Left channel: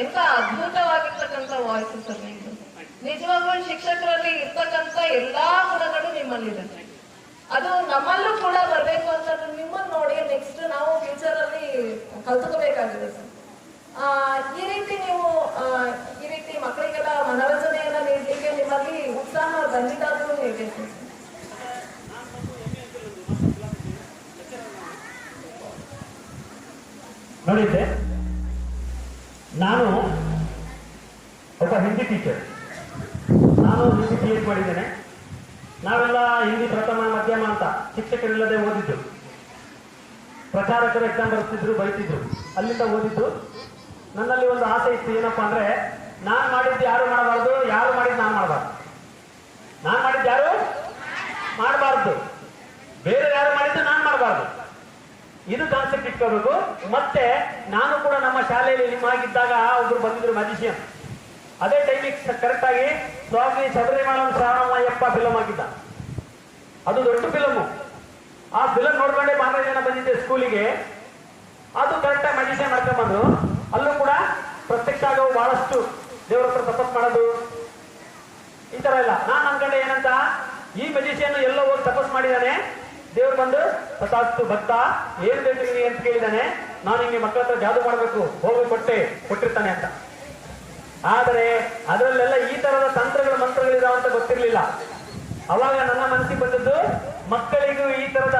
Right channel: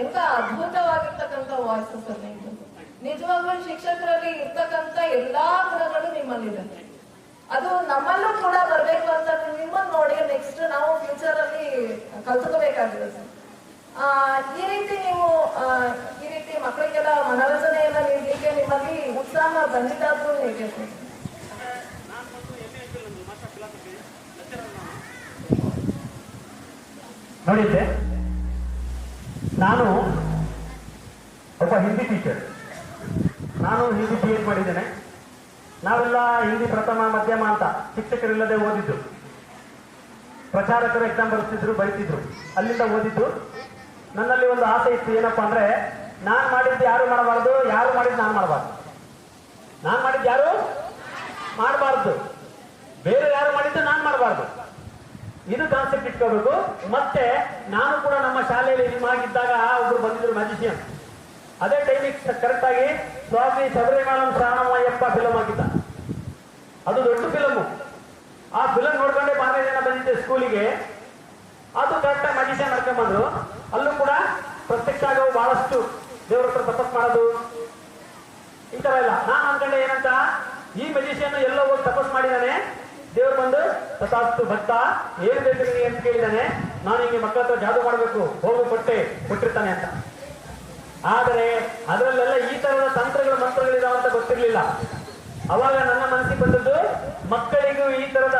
ಎಂತ ಅದ್ಭುತವಾಗಿರ್ತಕ್ಕಂಥ ವಾಯ್ಸಸ್ ಅಲ್ಲಿ ನಿಜವಾಗ್ಲೂ ಶಿಕ್ಷಕರಲ್ಲಿ ಇರ್ತಕ್ಕಂಥ ಎಲ್ಲಾ ಗುಣಗಳು ನಿಮ್ಮಲ್ಲಿದೆ. ಅದು ನಮ್ಮಲ್ಲೂ ಕೂಡ ಬರ್ಬೇಕು ಅಂತ ನಿಮ್ಮನ್ನ ನೋಡಿ ನೆಕ್ಸ್ಟ್ ನಾವು ಫ್ಯೂಚರ್ ಅಲ್ಲಿ ಕಲ್ತ್ಕೋಬೇಕಾಗಿದೆ ಸರ್. ಆ, ಈ ರೀತಿ ನೀವು ಈ ರೀತಿ ಮಕ್ಕಳಿಗೆಲ್ಲ ಮನರಂಜನೆಯನ್ನ ನೀಡಲಿಕ್ಕೆ ನಿಮ್ಮಲ್ಲಿ ಉತ್ಸಾಹ ಬಂದಿದ್ದಾದ್ರೂ ಹೇಗೆ ನೋಡಿದ್ದೆ? ನಾನು ಒಬ್ಬ ಹಿಂದಿ ಟೀಚರ್ ನಾನು ಹಿಂದಿ ಪಿ ಎಚ್ ಮಾಡಿದ್ದೇನೆ. ನಾವೆಲ್ಲ ಹಿಂದಿ ಪ್ರಥಮ ಮಧ್ಯಮ ಅಂತ ಶಿಕ್ಷಕರಿಲ್ಲದೆ ಓದಿದ್ದು. ಪ್ರಚಾರಕರು ಎಕ್ಸಾಮ್ ಬರ್ತಿದ್ರು ಬೈತಿದ್ರು. ಅಲ್ಲಿಂದ ಓದಿದ್ದು. ನನ್ನಲ್ಲಿ ಒಂದು ಆಸೆ ಇತ್ತು ಏನಪ್ಪಾ ಅಂದ್ರೆ ನಾನು ಮಾಡಿದ್ದು ಯಾರು ಮಾಡಬಾರ್ದು ಯಾರು ಮಾಡಿದ್ದು ನಾನು ಮಾಡಬಾರ್ದು. ನಾನು ಮಾಡಿದ್ದು ಯಾರು? ಮಾಡಬಾರ್ದು. ಬೇರೆ ಯಾರು ಮಾಡಿದ್ದು ನಾನು ಮಾಡಬಾರ್ದು. ಇದು ಕಾನ್ಸೆಪ್ಟ್ ಇಟ್ಕೋಬೇಕು ಮತ್ತೆ ನಾನು ಕೂಡ ನಮ್ಮ ಶಾಲೆಯಲ್ಲಿ ನಿಮ್ಮ ಆಗಿದ್ದಾಗ ಒಬ್ರು ಬಂದಿದ್ರು ಮ್ಯಾಜಿಷಿಯನ್ ಅದೇ ಟೈಮಿಗೆ ಕರೆಕ್ಟ್ ಆಗಿ ಸ್ವಾಮಿ ಶಬರಿಮಲ ಶ್ರಾವಣಯ್ಯಪ್ಪ ಫಿಲಮ್ ಆಗಿದ್ದ ಅದು ದೊಡ್ಡ ಫಿಲಮ್ ಆ ಫಿಲಮ್ ನೋಡ್ಕೊಂಡೆ ಮಾರನೇ ಜನ ಬಂದಿದ್ದೆ ಸ್ಕೂಲಿಗೆ ಅದು ಕರೆಕ್ಟ್ ಆಗಿ ಮ್ಯಾಜಿಷಿಯನ್ ಹಾಕೊಂಡ್ಬಂದು ಅಲ್ಲೂ ಕೂಡ ಪ್ರತ್ಯಕ್ಷ ಆಗೋ ಬಹಳಷ್ಟು ದೇವರ ಹತ್ರ ತಪಸ್ ಮಾಡೋದು ಈ ತರ ಇಲ್ಲ ನಾನು ಅನ್ಕೊಂಡೆ ಏನಂತ ಈ ಮೆಜಿಷಿಯನ್ ಎಲ್ಲೋ ಹೋಗಿ ತಪಸ್ ಮಾಡಿದಾನೆ ದೇವ್ರು ಬಂದು ತಥಾಸ್ತು ಭಕ್ತ, ಏನ್ ಬೇಕು ನೀನು ಅಂತ ಕೇಳಿದಾನೆ. ನಾನು ಹಿಂಗೆ ಮಕ್ಕಳ ಹತ್ರ ಜಾದು ಮಾಡಬೇಕು, ಹೋಗೋ ಕೊಟ್ಟೆ, ಕೊಟ್ಟಿರ್ತಾನೆ ಅಂತ. ಆದರೆ ಅದರಲ್ಲೆಲ್ಲ ಈ ತರದ ತಂತ್ರಗಳು ಮಂತ್ರಗಳಿದಾವ ಅಂತ ಗೊತ್ತಿರ್ಲಿಲ್ಲ. ಅವಾಗ ನನ್ನ ಮನಸ್ಸಿಗೆ ಬಂದದ್ದು, ಮಕ್ಕಳಿಗೂ ಈ ತರದ